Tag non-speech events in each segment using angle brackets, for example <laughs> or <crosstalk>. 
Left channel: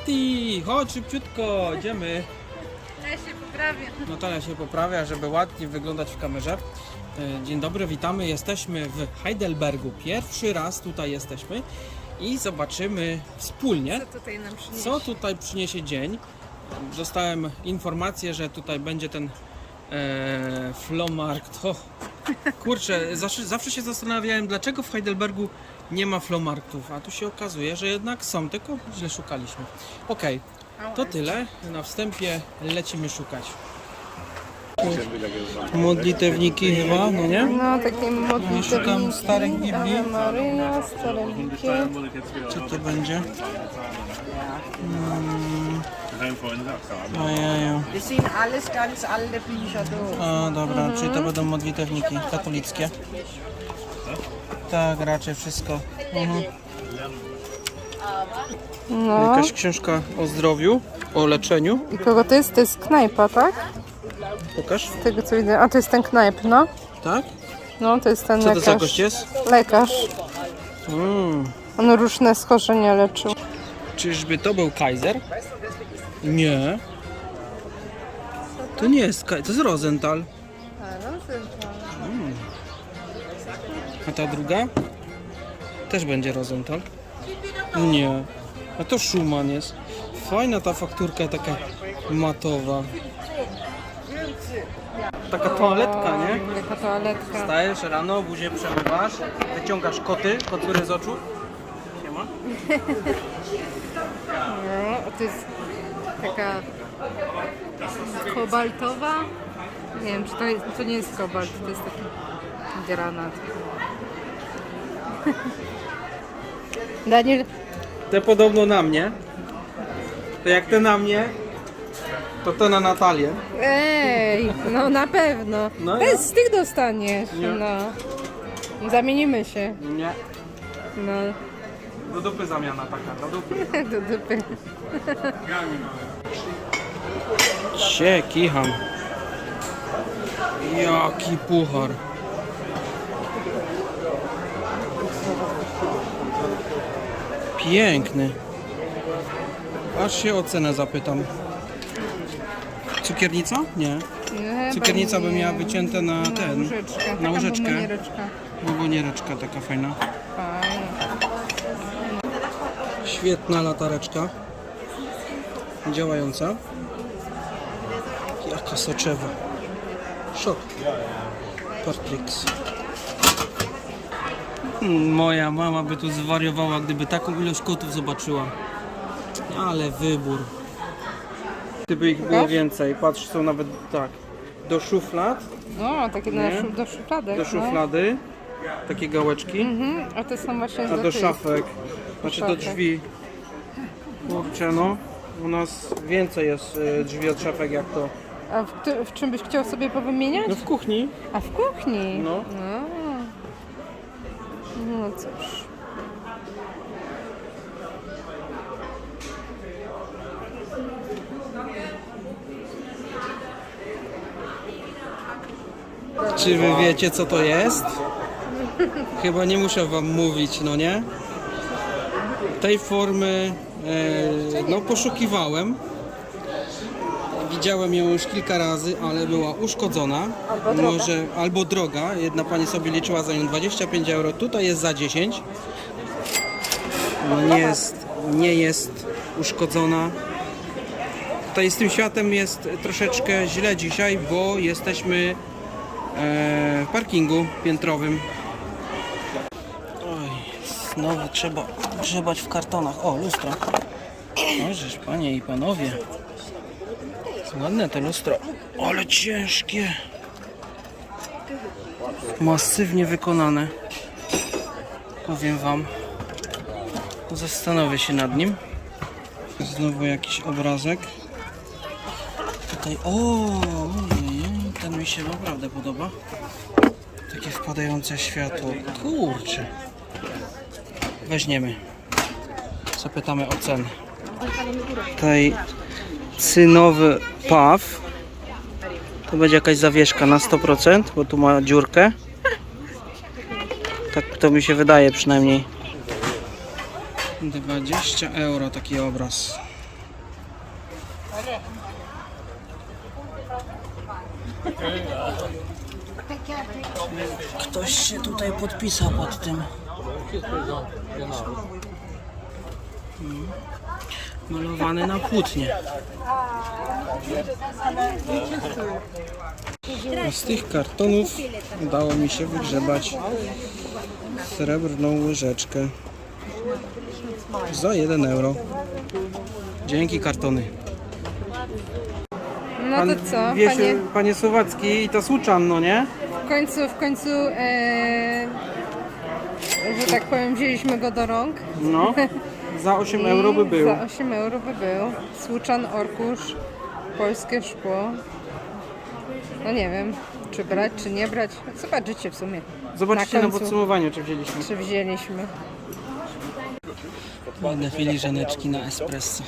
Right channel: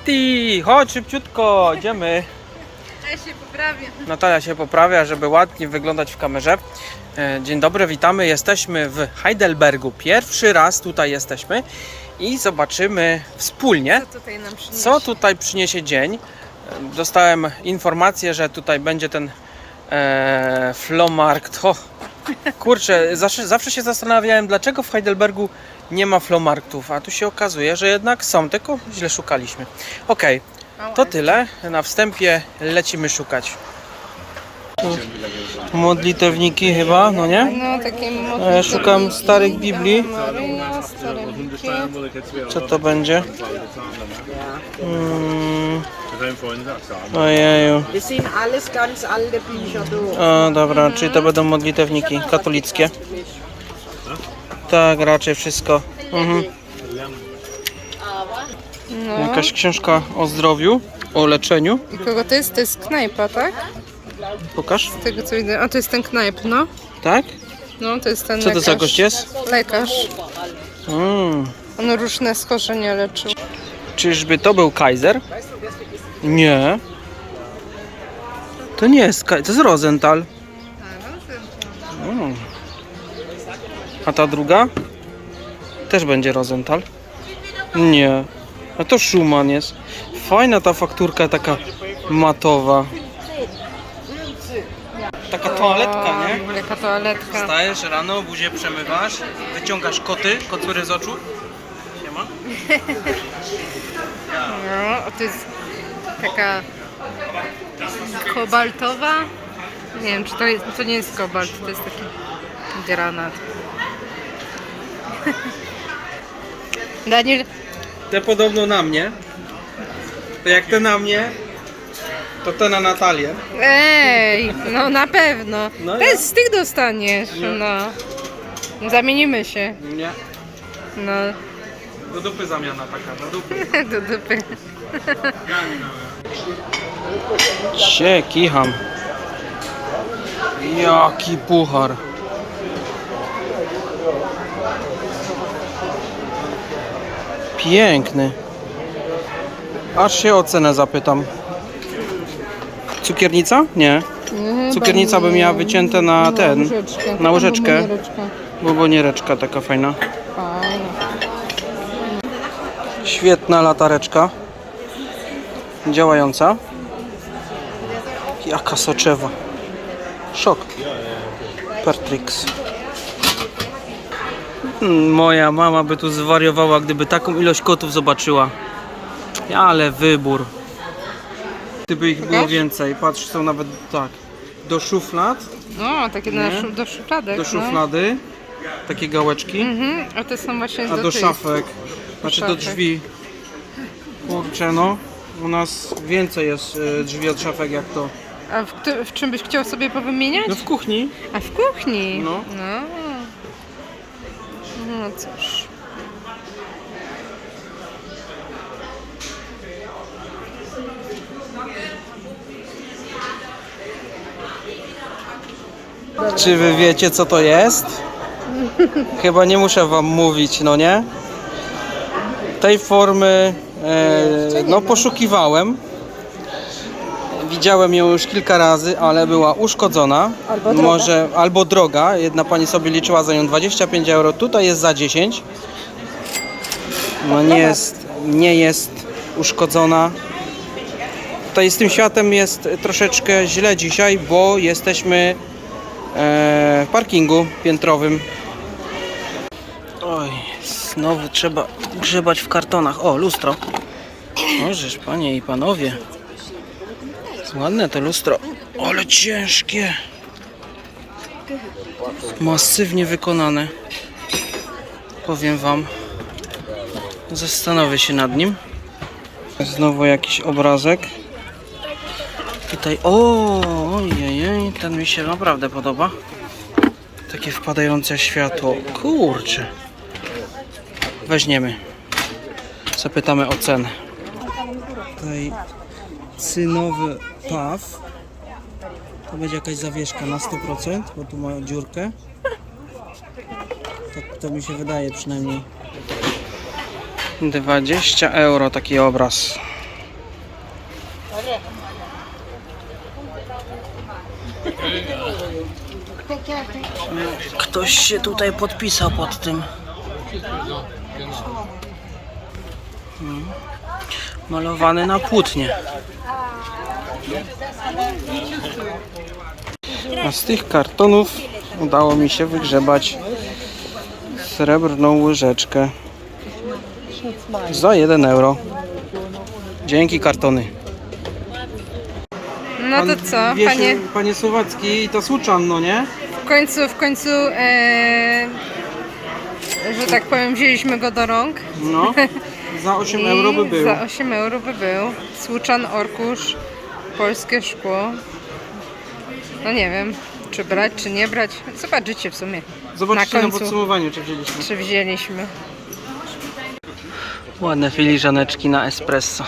Nati, chodź szybciutko, idziemy. Ja się poprawię. Natalia się poprawia, żeby ładnie wyglądać w kamerze. E, Dzień dobry, witamy. Jesteśmy w Heidelbergu. Pierwszy raz tutaj jesteśmy i zobaczymy wspólnie, Co tutaj nam przyniesie? co tutaj przyniesie dzień. E, Dostałem informację, że tutaj będzie ten e, Flomarkt. Kurczę, zawsze, zawsze się zastanawiałem, dlaczego w Heidelbergu nie ma Flomarktów, a tu się okazuje, że jednak są, tylko źle szukaliśmy. Okej, to tyle. Na wstępie lecimy szukać. Modlitewniki chyba, no nie? No takie A ja szukam starych Biblii. Maryja, stare Biblii. Co to będzie? Mm, ojeju. O, dobra, czyli to będą modlitewniki katolickie. Tak, raczej wszystko. Mhm. Jakaś książka o zdrowiu, o leczeniu. I kogo to jest? To jest knajpa, tak? Pokaż. Z tego co widzę. A to jest ten knajp, no. Tak? No, to jest ten Co to za gość jest? Lekarz. Mm. On różne schorzenia leczył. Czyżby to był Kaiser? Nie. To nie jest Kaiser, to jest Rosenthal. A ta druga? Też będzie Rosenthal? Nie. A to Schumann jest. Fajna ta fakturka taka matowa. Taka toaletka, nie? Jaka toaletka. Wstajesz rano, buzię przemywasz, wyciągasz koty, kocury z oczu. Nie ma? <laughs> No, a to jest taka kobaltowa. Nie wiem, czy to, jest, to nie jest kobalt, to jest taki granat. <laughs> Daniel, Te podobno na mnie. To jak te na mnie, to te na Natalię. ej, no na pewno. No ja- z tych dostaniesz, no. Zamienimy się, Nie. no. Do dupy zamiana taka, do dupy. <laughs> Do dupy. Cie, kicham. Jaki puchar. Piękny. Aż się o cenę zapytam. Cukiernica? Nie. Cukiernica by miała wycięte na ten, łyżeczkę. na łyżeczkę. Bomboniereczkę. Buboniereczka taka fajna. Fajnie. Świetna latareczka. Działająca. Jaka soczewa. Szok. Pertrix. Moja mama by tu zwariowała, gdyby taką ilość kotów zobaczyła. Ale wybór. Gdyby ich było więcej. Patrz, są nawet tak. Do szuflad, No, takie Nie? szu- do szufladek. do szuflady. Takie gałeczki. No. Mhm, a te są właśnie A do, do tych. szafek, znaczy do szafek. drzwi. Kurczę no, u nas więcej jest y, drzwi od szafek jak to. A w, któ- w czym byś chciał sobie powymieniać? No w kuchni. A w kuchni? No. No, no cóż. Czy wy wiecie co to jest? Chyba nie muszę wam mówić, no nie? Tej formy e, no poszukiwałem. Widziałem ją już kilka razy, ale była uszkodzona. Albo. Może albo droga. Jedna pani sobie liczyła za nią 25 euro. Tutaj jest za 10. No nie jest, nie jest uszkodzona. Tutaj z tym światem jest troszeczkę źle dzisiaj, bo jesteśmy e, w parkingu piętrowym. Oj, znowu trzeba grzebać w kartonach. O, lustro. Możesz, panie i panowie. Ładne to lustro, ale ciężkie. Masywnie wykonane. Powiem wam. Zastanowię się nad nim. Znowu jakiś obrazek. Tutaj, o, ojej, ten mi się naprawdę podoba. Takie wpadające światło. Kurczę. Weźmiemy. Zapytamy o cenę. Tutaj cynowy paw. To będzie jakaś zawieszka na 100%, bo tu ma dziurkę. Tak to mi się wydaje przynajmniej. 20 euro taki obraz. Ktoś się tutaj podpisał pod tym. Hmm. Malowany na płótnie. A z tych kartonów udało mi się wygrzebać srebrną łyżeczkę za 1 euro. Dzięki kartony. No to co, się, panie? panie Słowacki, to słuczan, no nie? W końcu, w końcu, e, że tak powiem, wzięliśmy go do rąk. No. <laughs> Za 8 I euro by był. Za 8 euro by był. Słuczan, orkusz, polskie szkło. No nie wiem, czy brać, czy nie brać. Zobaczycie w sumie. Zobaczcie na na, końcu. podsumowaniu, czy wzięliśmy. Czy wzięliśmy. Ładne filiżaneczki na espresso.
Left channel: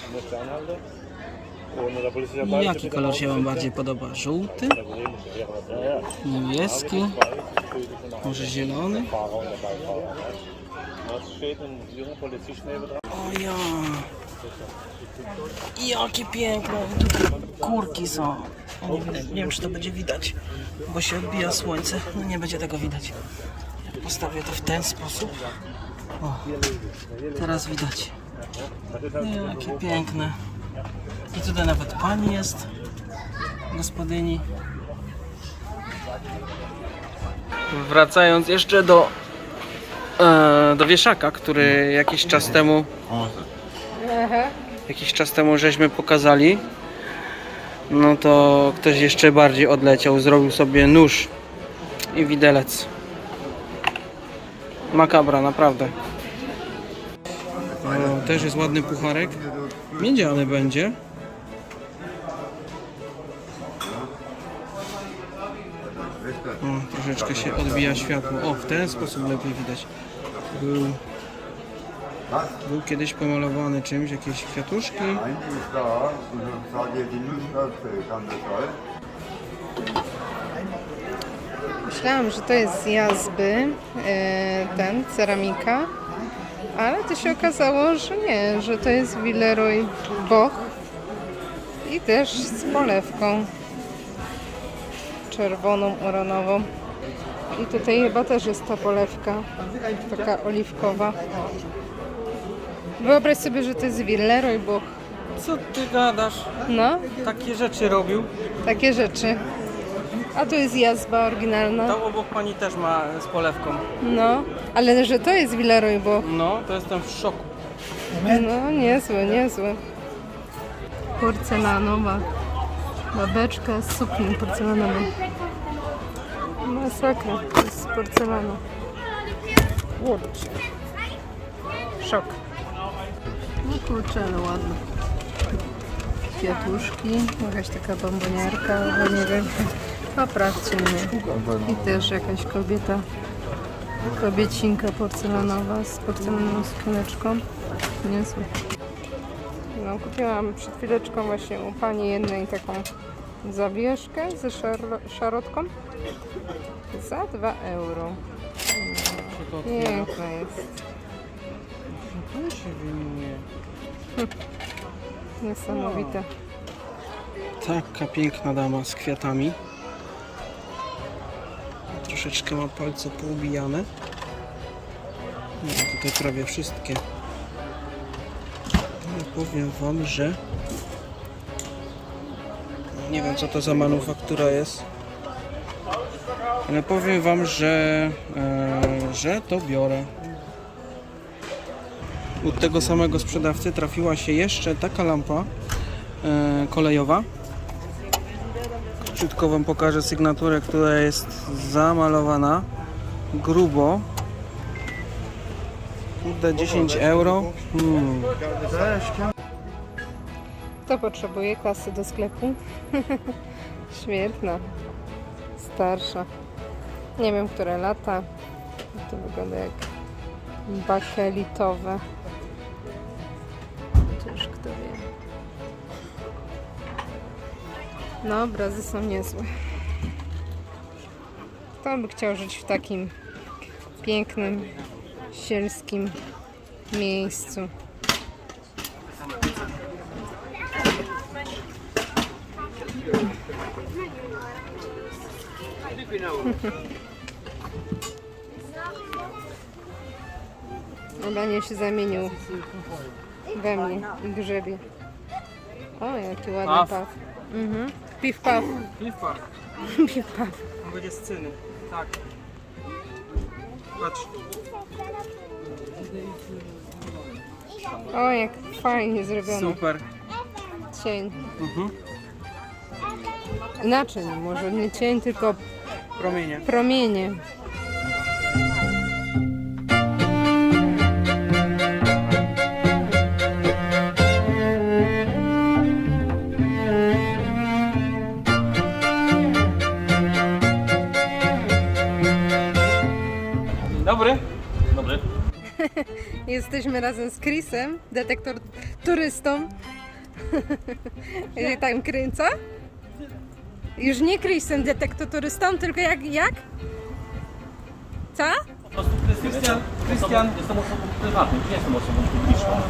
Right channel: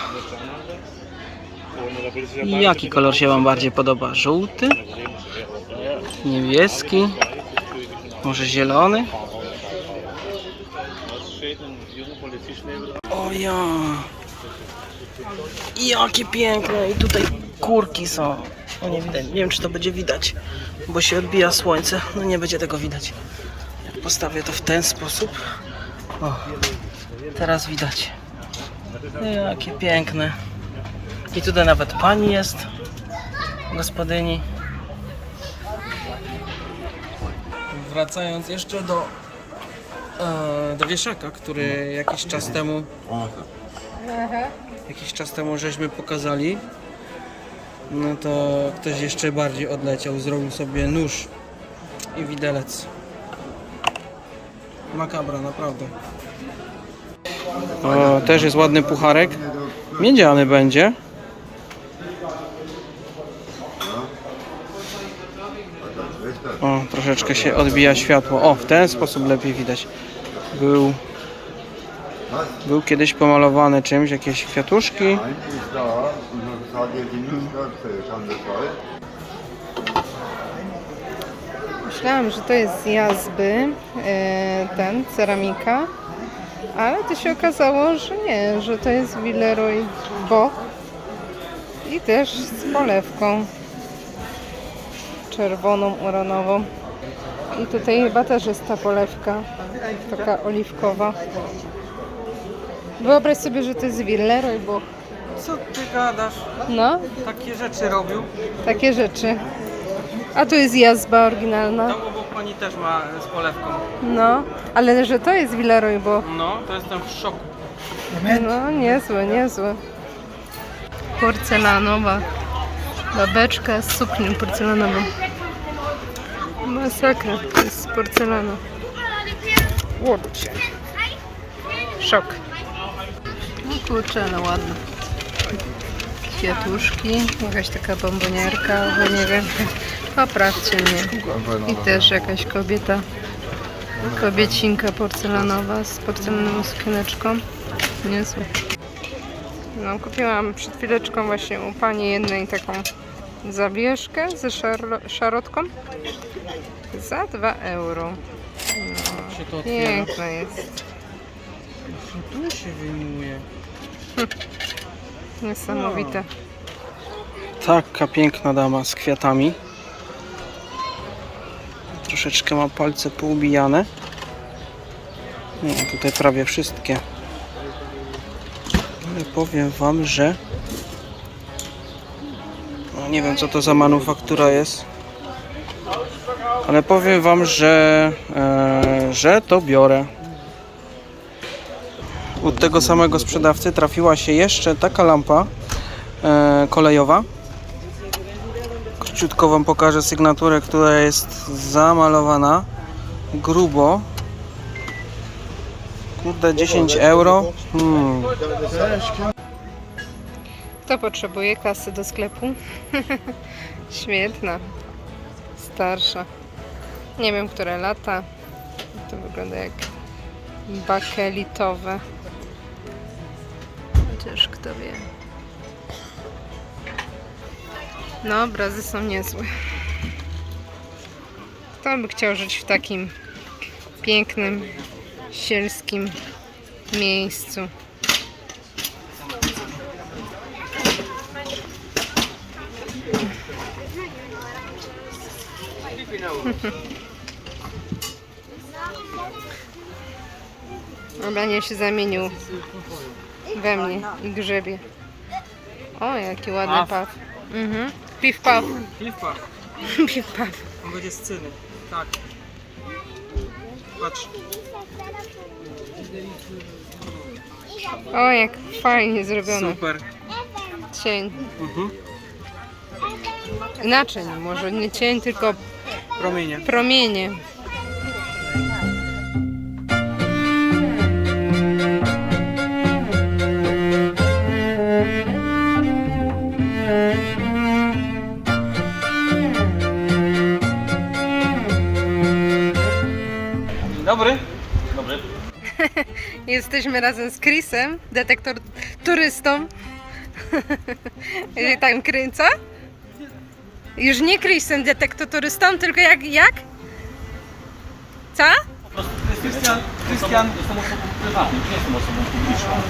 Jaki kolor się Wam bardziej podoba? Żółty? Niebieski? Może zielony? O ja! Jakie piękne! I tutaj kurki są. No nie widać. Nie wiem, czy to będzie widać, bo się odbija słońce. No nie będzie tego widać. Jak postawię to w ten sposób. O, teraz widać. Jakie piękne. I tutaj nawet pani jest, gospodyni. Wracając jeszcze do, e, do wieszaka, który jakiś czas temu jakiś czas temu żeśmy pokazali. No to ktoś jeszcze bardziej odleciał, zrobił sobie nóż i widelec. Makabra, naprawdę. O, też jest ładny pucharek. Miedziany będzie. O, troszeczkę się odbija światło. O, w ten sposób lepiej widać. Był, był kiedyś pomalowany czymś, jakieś kwiatuszki. Myślałam, że to jest z jazby, e, ten, ceramika, ale to się okazało, że nie, że to jest Villeroy Boch i też z polewką czerwoną, uranową. I tutaj chyba też jest ta polewka, taka oliwkowa. Wyobraź sobie, że to jest Villeroy Boch. Co ty gadasz? No, Takie rzeczy robił. takie rzeczy. A tu jest jazba oryginalna. Tam obok pani też ma z polewką. No, ale że to jest Villeroy Boch. No, to jestem w szoku. No, niezłe, niezłe. Porcelanowa. Babeczka z suknią porcelanową. Masakra, to jest porcelana. Kurczę. Szok. No kurczę, ale ładne. Kwiatuszki, jakaś taka bombonierka, bo nie wiem. <laughs> Poprawcie mnie. I też jakaś kobieta. Kobiecinka porcelanowa z porcelanową sukieneczką. Niezłe. No, kupiłam przed chwileczką właśnie u pani jednej taką zawieszkę ze szarotką za 2 euro. No, piękna jest. Tu się wyjmuje. <laughs> Niesamowite. Taka piękna dama z kwiatami. Troszeczkę ma palce poubijane. Nie, tutaj prawie wszystkie. Ale powiem Wam, że no, nie wiem co to za manufaktura jest. Ale powiem Wam, że, e, że to biorę. U tego samego sprzedawcy trafiła się jeszcze taka lampa e, kolejowa. Króciutko Wam pokażę sygnaturę, która jest zamalowana grubo. Kurde, 10 euro. Hmm. Kto potrzebuje kasy do sklepu? <laughs> Świetna. Starsza. Nie wiem, które lata. To wygląda jak bakelitowe. Chociaż kto wie. No, obrazy są niezłe. Kto by chciał żyć w takim pięknym, sielskim miejscu? <laughs> Obranie się zamienił we mnie i grzebie. O, jaki ładny paw. Mhm. Piw paw. <laughs> Piw paw. On będzie z cyny. Tak. Patrz. O, jak fajnie zrobione. Super. Cień. Mhm. Inaczej, może nie cień, tylko Promienie. promienie. Jesteśmy razem z Chrisem, detektor turystą. <laughs> I tam kręca. Już nie Chrisem, detektor turystą, tylko jak, jak? Co? Krystian. Krystian. Jestem osobą prywatną, nie jestem osobą publiczną.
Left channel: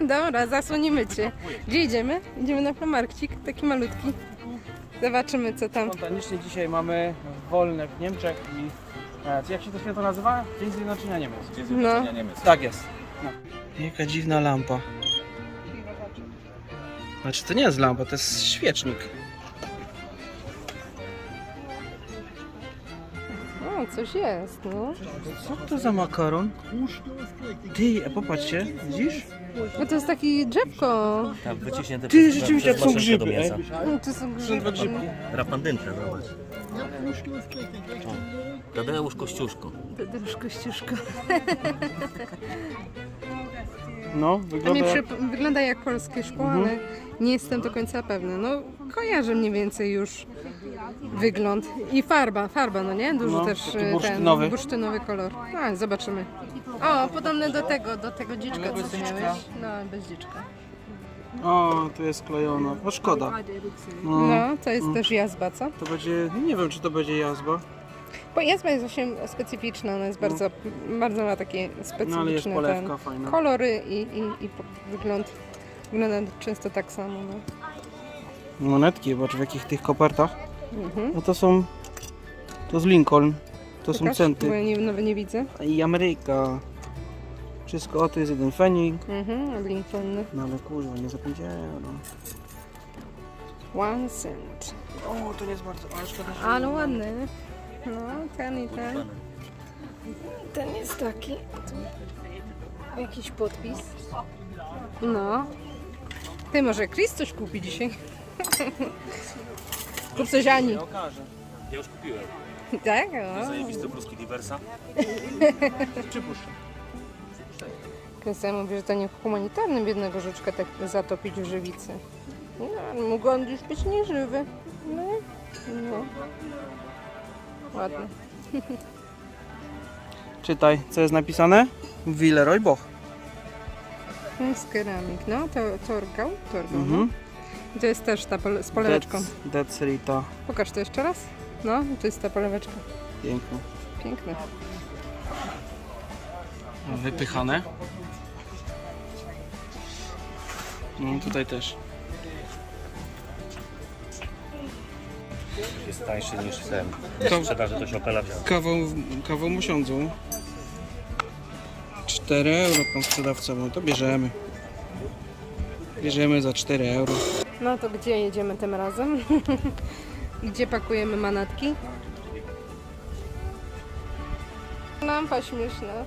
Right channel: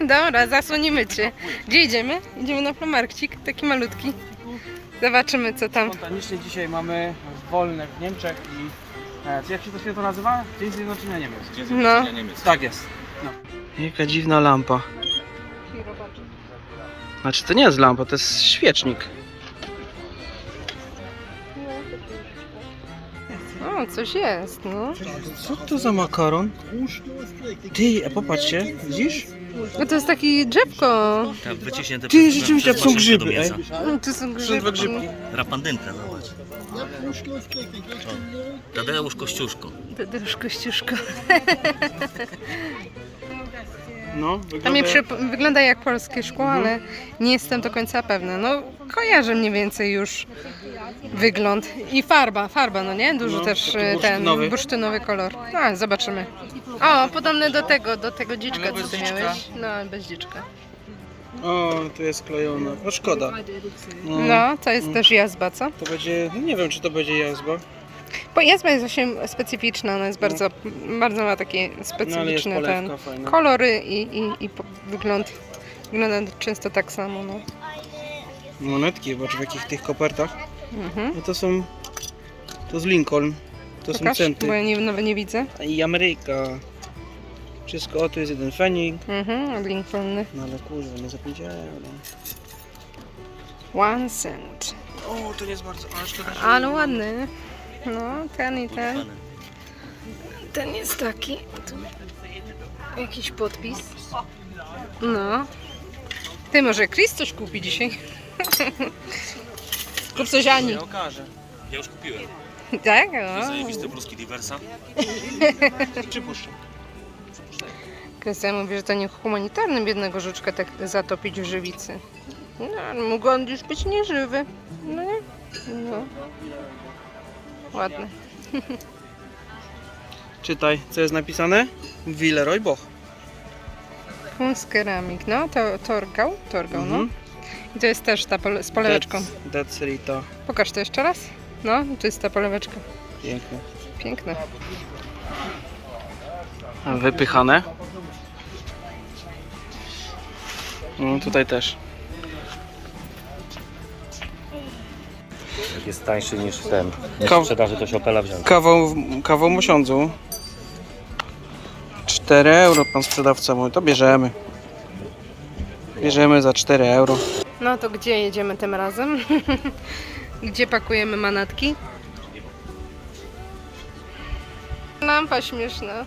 <laughs> Dobra, zasłonimy cię. Gdzie idziemy? Idziemy na flomarkcik, taki malutki. Zobaczymy co tam. Spontanicznie dzisiaj mamy wolne w Niemczech i e, jak się to święto nazywa? Dzień Zjednoczenia Niemiec. No, Tak jest. No. Jaka dziwna lampa. Znaczy to nie jest lampa, to jest świecznik. o, coś jest, no. Co to za makaron? Ty, a popatrzcie, widzisz? No to jest taki drzewko. Tak, wyciśnięte Ty, przez- rzeczywiście, przez to są maszynkę do grzyby, mięsa. No, to są Są dwa grzybki. grzybki. Rapandynka, zobacz. Tadeusz Kościuszko. Tadeusz Kościuszko. No, To wygląda mi jak... przyp- wygląda jak polskie szkło, ale nie jestem do końca pewna. No, kojarzę mniej więcej już wygląd. I farba, farba, no nie? Dużo No, też e, ten bursztynowy. bursztynowy kolor. No, zobaczymy. O, podobne do tego, do tego dziczka, Ale co dziczka. miałeś. No, bez dziczka. O, tu jest klejona. No szkoda. No, No, to jest też jazba, co? To będzie, no nie wiem czy to będzie jazba. Bo jazba jest właśnie specyficzna, ona jest bardzo, bardzo ma takie No specyficzny ten polewka fajna. kolory i, i, i po- wygląd. Wygląda często tak samo, no. Monetki, zobacz w jakich tych kopertach. Mhm. No to są, to z Lincoln. To są Pokaż, centy. bo ja nie, nawet nie widzę. I Ameryka. Wszystko, o tu jest jeden fenik. Mhm, Lincolny. No ale kurwa, nie zapomniałem. One cent. O, to nie jest bardzo, ale szkoda, że- Ale ładny. No, ten i ten. Ten jest taki. Tu Jakiś podpis. No. Ty może Chris coś kupi dzisiaj? Kup coś Ani. Nie okaże. Ja już kupiłem. Tak? O. Zajebiste bruski diversa. Przypuszczam. Krystian mówi, że to nie humanitarne biednego żuczka tak zatopić w żywicy. No, mógł on już być nieżywy. No nie? No. Ładne. <laughs> Czytaj, co jest napisane? Villeroy Boch. Keramik, no to torgał, torgał, no. Mhm. I to jest też ta pole- z poleweczką. That's, that's Rita. Pokaż to jeszcze raz. No, to jest ta poleweczka. Piękne. Piękne. Wypychane. No tutaj też. Jest tańszy niż ten. Niż sprzedaży to się Opela wziął. Kawał, kawał mosiądzu. 4 euro pan sprzedawca mówi, to bierzemy. Bierzemy za 4 euro. No to gdzie jedziemy tym razem? <laughs> gdzie pakujemy manatki? Lampa śmieszna.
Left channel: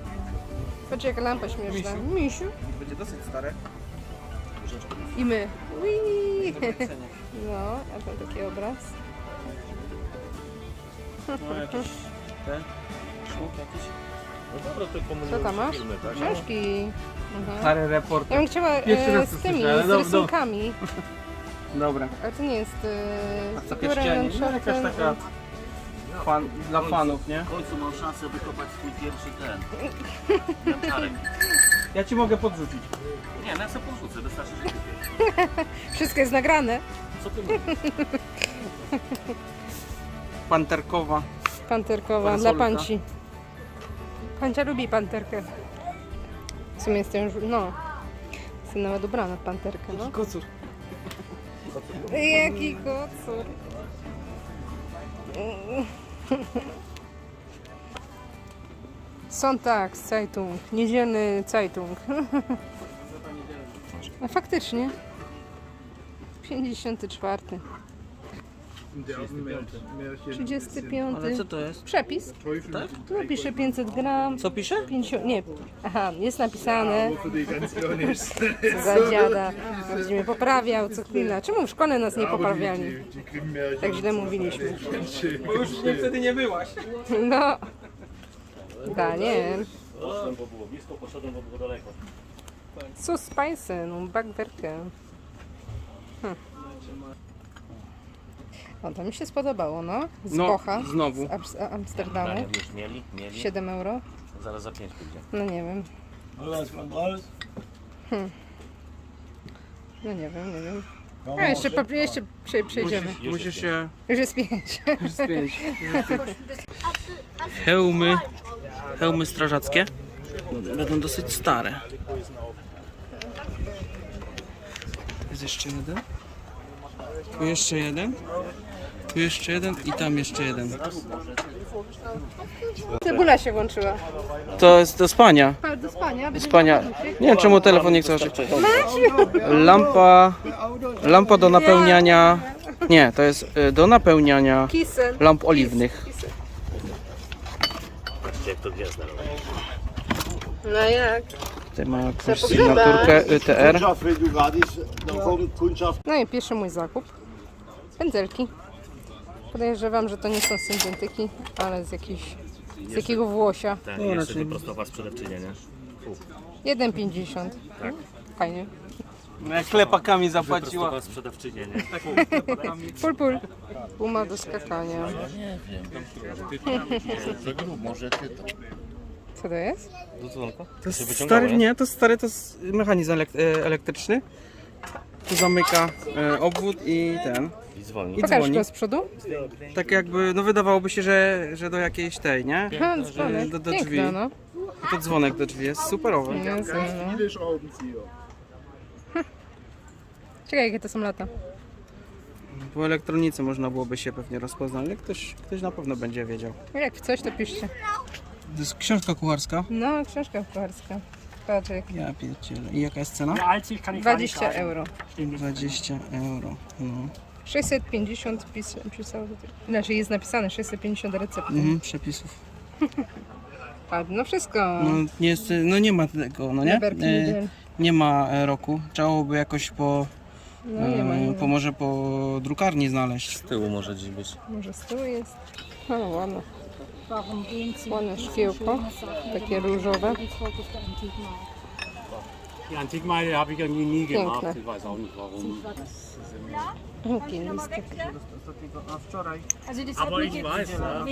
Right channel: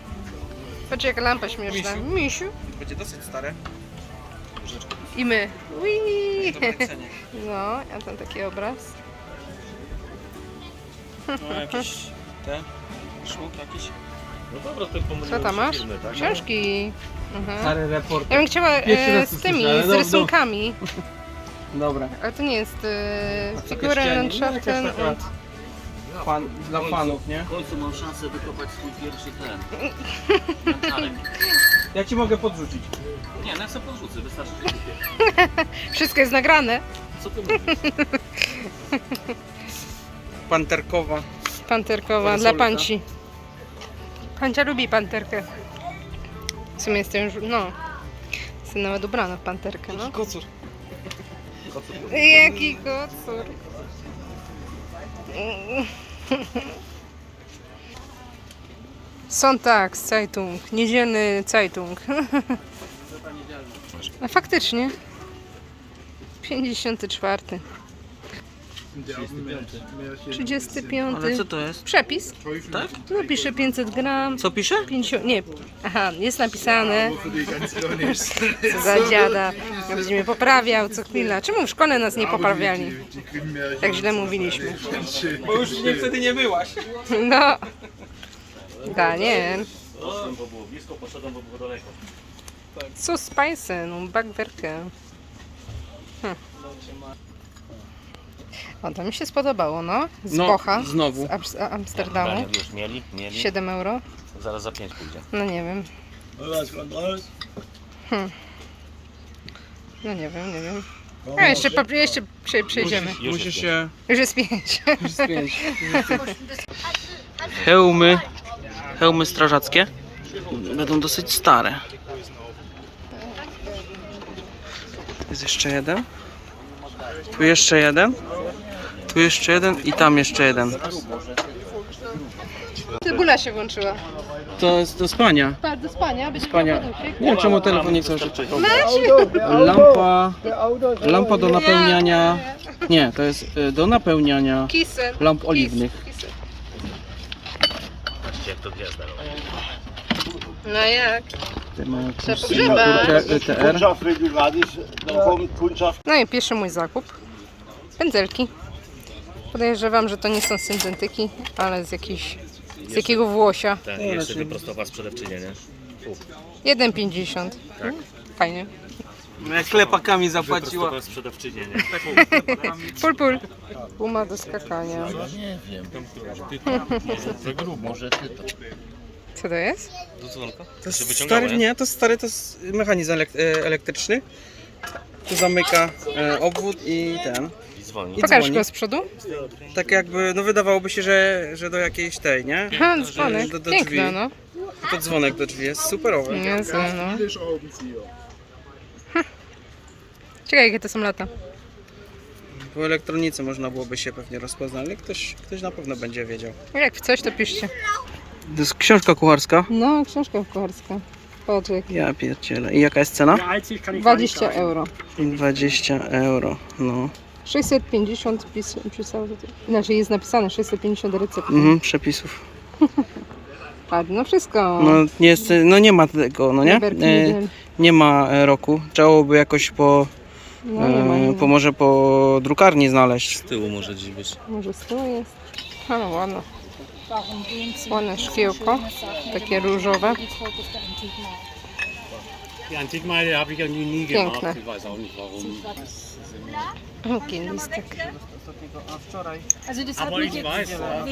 Patrz jaka lampa śmieszna. Misiu. Będzie dosyć stare. I my. No, a tam taki obraz. No jakieś te szluk jakiś. No dobra, to pomyliłem Co tam masz? filmy, tak? Książki. Mhm. Stary report. Ja bym chciała Pierwszy e, raz z tymi, z no- no. rysunkami. <laughs> Dobra. Ale to nie jest A e, co, Figuren Krystianie? Landschaften No, und... Fan, dla fanów, nie? W końcu mam szansę wykopać swój pierwszy ten. <laughs> Janczarek. Ja ci mogę podrzucić. Nie, no ja sobie podrzucę, wystarczy, że kupię. <laughs> Wszystko jest nagrane. Co ty mówisz? Panterkowa. Panterkowa dla panci. Pancia lubi panterkę. W sumie jestem już, no. Jestem nawet ubrana w panterkę, no. Kocur. Jaki kocur. Sonntag, Zeitung, niedzielny Zeitung. <laughs> A faktycznie. 54. 35. Ale co to jest? Przepis. Tak? No pisze 500 gram. Co pisze? 50, nie, aha, jest napisane. Co za dziada. Będzie mnie poprawiał co chwila. Czemu w szkole nas nie poprawiali? Tak źle mówiliśmy. Bo już nie, wtedy nie byłaś. No. Daniel. Bo było blisko, poszedłem, bo było daleko. Co spicy, no backwerkę. Hm. O, to mi się spodobało, no. Z No, Bocha. znowu. Z Am- Amsterdamu. Już mieli, mieli. 7 euro. Zaraz za 5 pójdzie. No nie wiem. Hmm. No nie wiem, nie wiem. A jeszcze, po, jeszcze prze, przejdziemy. Musisz się Już jest pięć. spiąć. Hełmy, hełmy strażackie będą dosyć stare. Tu jest jeszcze jeden. Tu jeszcze jeden. Tu jeszcze jeden i tam jeszcze jeden. Cebula się włączyła. To jest do spania. Pa, do spania. Do spania. Nie wiem czemu telefon nie chce. Lampa, lampa do napełniania. Nie, to jest y, do napełniania Kisy. lamp oliwnych. Kisy. Patrzcie jak to gwiazda robi. No jak? Tutaj ma jakąś sygnaturkę ETR. Kundschaft, wenn du gerade dann kommt Kundschaft. No i pierwszy mój zakup. Pędzelki. Podejrzewam, że to nie są syntetyki, ale z jakiejś, z jakiego włosia. Ten jeszcze wyprostowa sprzedawczynia, nie? 1,50. Fajnie. Jak klepakami zapłaciła. Wyprostowa sprzedawczynia, nie? Pul, pul. Guma do skakania. <laughs> Może ty to. Co to jest? Do dzwonka? To jest stary, nie? nie, to jest stary, to jest mechanizm elek- e, elektryczny. Tu zamyka e, obwód i ten. I dzwoni. I Pokaż dzwoni. go z przodu. Tak jakby, no wydawałoby się, że, że do jakiejś tej, nie? Ha, dzwonek. do, do Piękne, drzwi. no. To dzwonek do drzwi jest superowy. Niezłe, no. Hm. Ciekawe, jakie to są lata. Po elektronice można byłoby się pewnie rozpoznać, ale ktoś, ktoś na pewno będzie wiedział. Jak w coś, to piszcie. To jest książka kucharska. No, książka kucharska. Patrz, jak Ja pierdzielę. I jaka jest cena? 20 euro. 20 euro, no. 650 pis, pisało tutaj. Znaczy jest napisane 650 recept. Mhm, przepisów. Patrz, no wszystko. No, nie jest, no nie ma tego, no nie? Berki, E, niedziel. nie ma e, roku. Trzeba byłoby jakoś po, No nie ma, nie e, ma. po może po drukarni znaleźć. Z tyłu może dziś być. Może z tyłu jest. No ładno. Ładne szkiełko. Takie różowe. Die Antikmeile habe ich irgendwie nie Piękne. gemacht. Ich weiß auch nicht warum. Jaki listek. Also das hat Aber mich ich jetzt weiß, ja.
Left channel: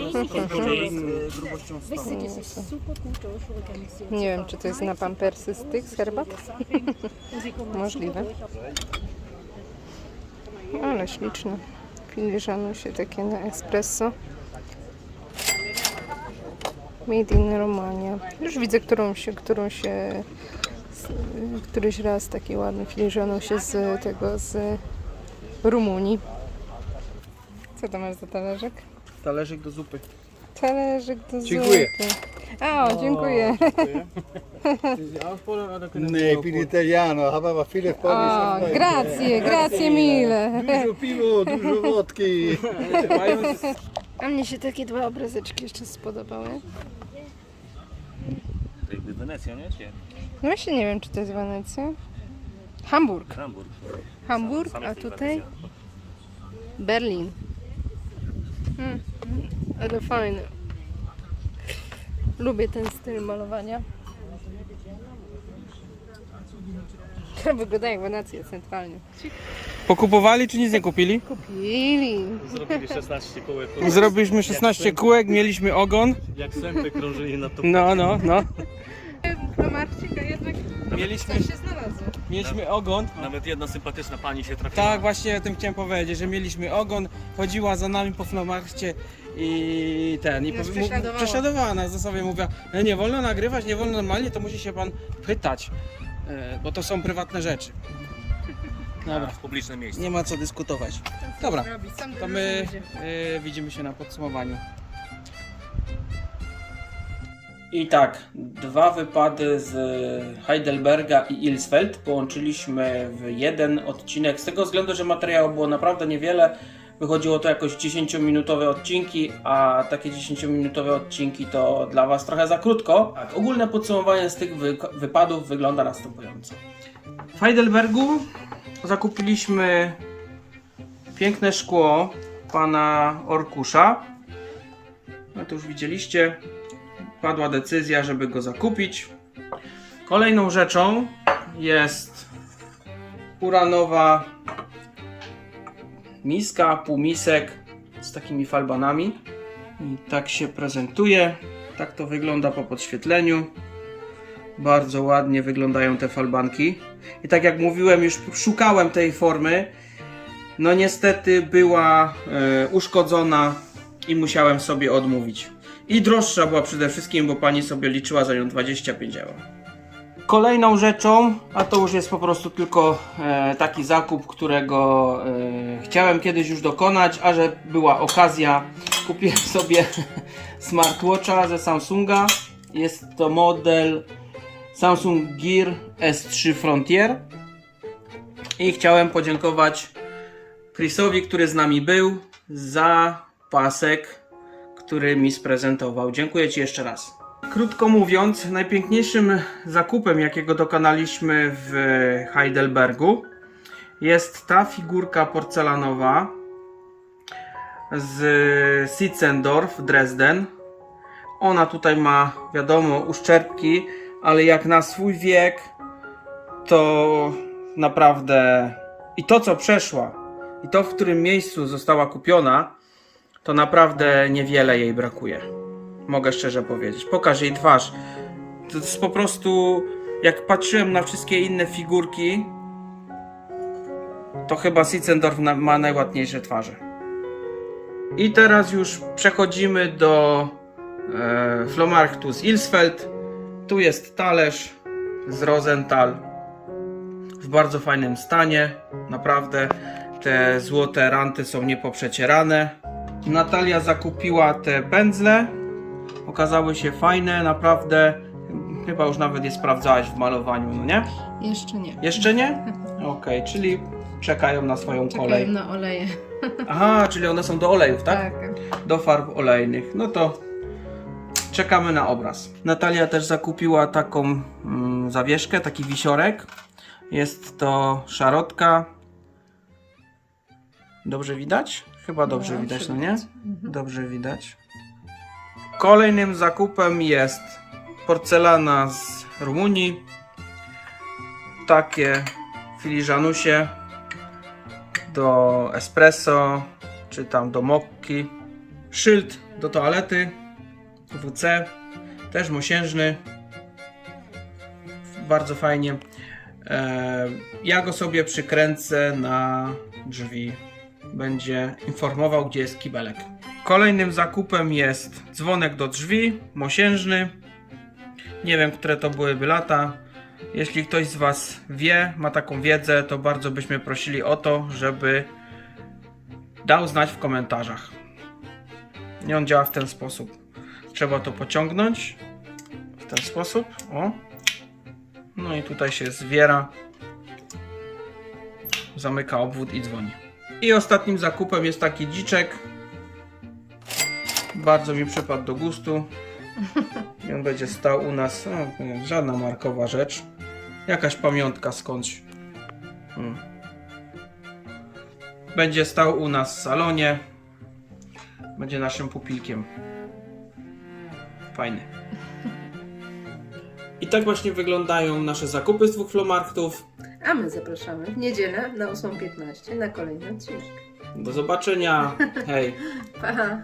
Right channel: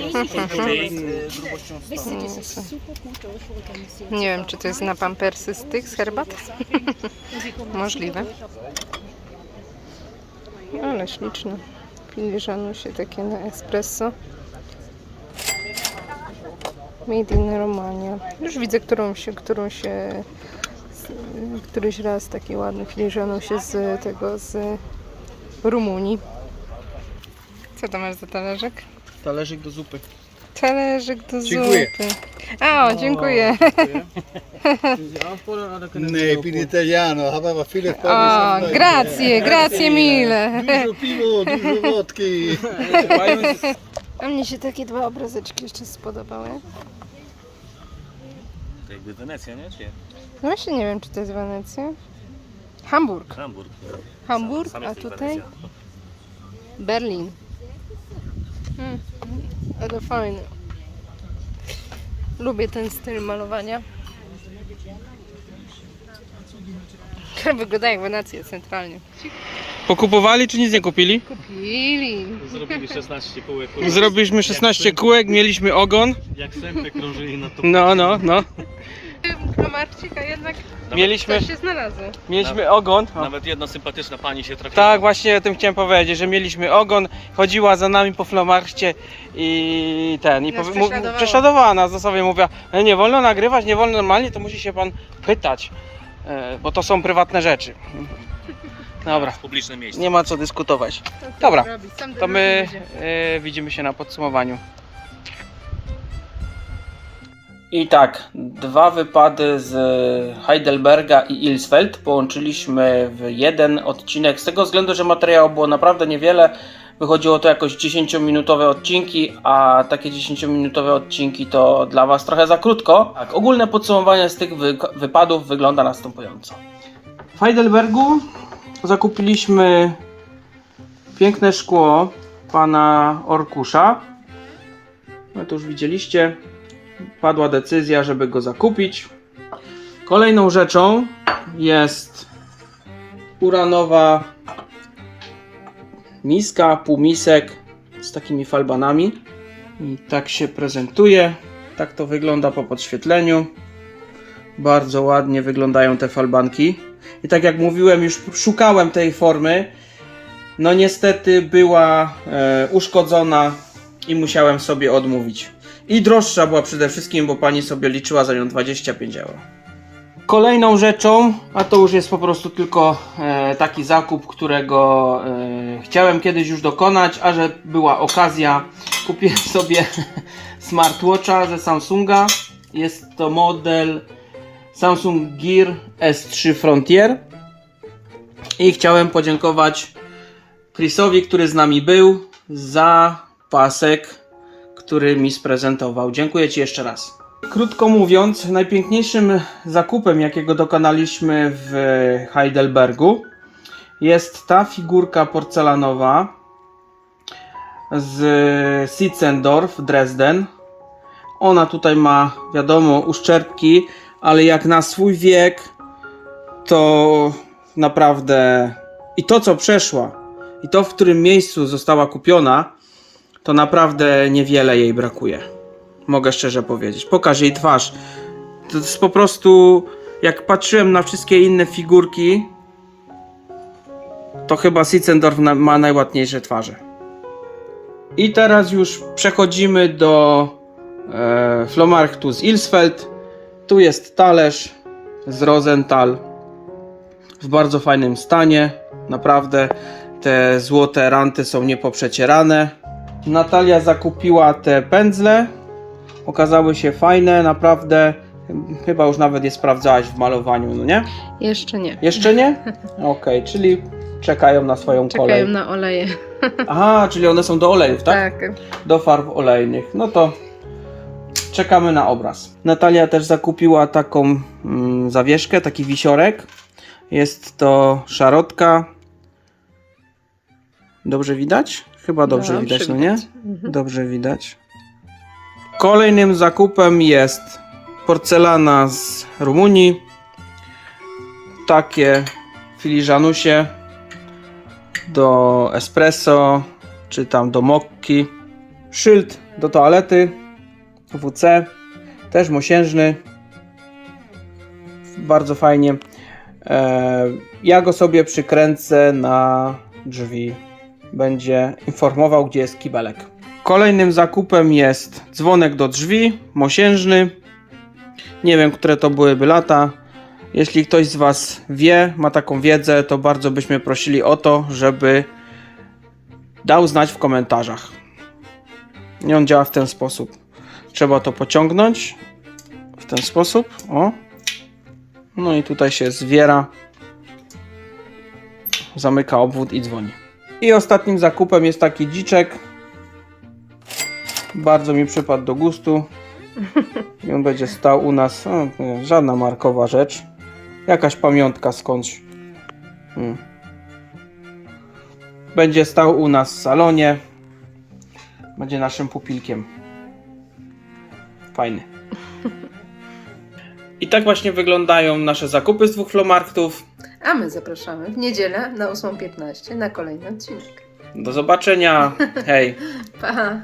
Wisst ihr, das ist super gut durchorganisiert. Nie wiem, czy to jest na pampersy styk z herbat? <laughs> Możliwe. Ale śliczne. Filiżanusie takie na espresso. Made in Romania. Już widzę, którą się, którą się z- któryś raz taki ładny filiżanusie z tego, z Rumunii. Co to masz za talerzek? Talerzyk do zupy. Talerzyk do Dziękuję. zupy. O, dziękuję. Nee, ich bin Italiano, habe aber viele O, grazie, grazie mille. Dużo piwo, dużo wodki. A mnie się takie dwa obrazeczki jeszcze spodobały. To jakby Wenecja, nie? Czy No właśnie nie wiem, czy to jest Wenecja. Hamburg. Hamburg. Hamburg, a tutaj. Berlin. Hmm, ale fajne. Lubię ten styl malowania. <laughs> Wygląda jak Wenecja centralnie. Pokupowali czy nic nie kupili? Kupili. Zrobili 16 kółek. <laughs> Zrobiliśmy 16 kółek, mieliśmy ogon. Jak sępy krążyli na to. No, no, no. Kromarczyka jednak Mieliśmy, coś się znalazło. mieliśmy ogon. Nawet jedna sympatyczna pani się trafiła. Tak, właśnie o tym chciałem powiedzieć, że mieliśmy ogon, chodziła za nami po flomarcie i ten, i Nas powie- mu- prześladowała. prześladowała nas, zasadzie mówiła, "E, nie wolno nagrywać, nie wolno normalnie, to musi się pan pytać, e, bo to są prywatne rzeczy. <laughs> Dobra, Publiczne miejsce. nie ma co dyskutować. Dobra, sam to my e, widzimy się na podsumowaniu I tak, dwa wypady z Heidelberga i Ilsfeld połączyliśmy w jeden odcinek, z tego względu, że materiału było naprawdę niewiele. Wychodziło to jakoś 10-minutowe odcinki, a takie 10-minutowe odcinki to dla Was trochę za krótko. Tak, ogólne podsumowanie z tych wy wypadów wygląda następująco. W Heidelbergu zakupiliśmy piękne szkło pana Orkusza. No to już widzieliście. Padła decyzja, żeby go zakupić. Kolejną rzeczą jest uranowa miska, półmisek z takimi falbanami. I tak się prezentuje. Tak to wygląda po podświetleniu. Bardzo ładnie wyglądają te falbanki. I tak jak mówiłem, już szukałem tej formy. No niestety była e, uszkodzona i musiałem sobie odmówić. I droższa była przede wszystkim, bo pani sobie liczyła za nią 25 euro. Kolejną rzeczą, a to już jest po prostu tylko e, taki zakup, którego e, chciałem kiedyś już dokonać, a że była okazja, kupiłem <laughs> sobie smartwatcha ze Samsunga. Jest to model Samsung Gear S3 Frontier. I chciałem podziękować Chrisowi, który z nami był, za pasek, który mi sprezentował. Dziękuję Ci jeszcze raz. Krótko mówiąc, najpiękniejszym zakupem, jakiego dokonaliśmy w Heidelbergu, jest ta figurka porcelanowa z Sitzendorf, Dresden. Ona tutaj ma, wiadomo, uszczerbki, ale jak na swój wiek, to naprawdę i to, co przeszła, i to, w którym miejscu została kupiona, to naprawdę niewiele jej brakuje. Mogę szczerze powiedzieć. Pokaż jej twarz. To jest po prostu, jak patrzyłem na wszystkie inne figurki, to chyba Sitzendorf ma najładniejsze twarze. I teraz już przechodzimy do e, Flohmarktu z Ilsfeld. Tu jest talerz z Rosenthal w bardzo fajnym stanie. Naprawdę te złote ranty są niepoprzecierane. Natalia zakupiła te pędzle. Okazały się fajne, naprawdę. Chyba już nawet je sprawdzałaś w malowaniu, no nie? Jeszcze nie. Jeszcze nie? <laughs> Okej, czyli czekają na swoją Czekają kolej. na oleje. <laughs> Aha, czyli one są do olejów, tak? Tak. do farb olejnych. No to czekamy na obraz. Natalia też zakupiła taką mm, zawieszkę, taki wisiorek. Jest to szarotka. Dobrze widać? Chyba dobrze, Dobrze widać, no nie? Mhm. Dobrze widać. Kolejnym zakupem jest porcelana z Rumunii. Takie filiżanusie do espresso, czy tam do mokki. Szyld do toalety WC, też mosiężny. Bardzo fajnie. E, ja go sobie przykręcę na drzwi. Będzie informował, gdzie jest kibelek. Kolejnym zakupem jest dzwonek do drzwi, mosiężny. Nie wiem, które to byłyby lata. Jeśli ktoś z Was wie, ma taką wiedzę, to bardzo byśmy prosili o to, żeby dał znać w komentarzach. I on działa w ten sposób. Trzeba to pociągnąć w ten sposób. O. No i tutaj się zwiera. Zamyka obwód i dzwoni. I ostatnim zakupem jest taki dziczek. Bardzo mi przypadł do gustu. I on będzie stał u nas. Nie, żadna markowa rzecz. Jakaś pamiątka skądś. Hmm. Będzie stał u nas w salonie. Będzie naszym pupilkiem. Fajny. I tak właśnie wyglądają nasze zakupy z dwóch flomarktów. A my zapraszamy w niedzielę na 8.15 na kolejny odcinek. Do zobaczenia. Hej. <laughs> Pa!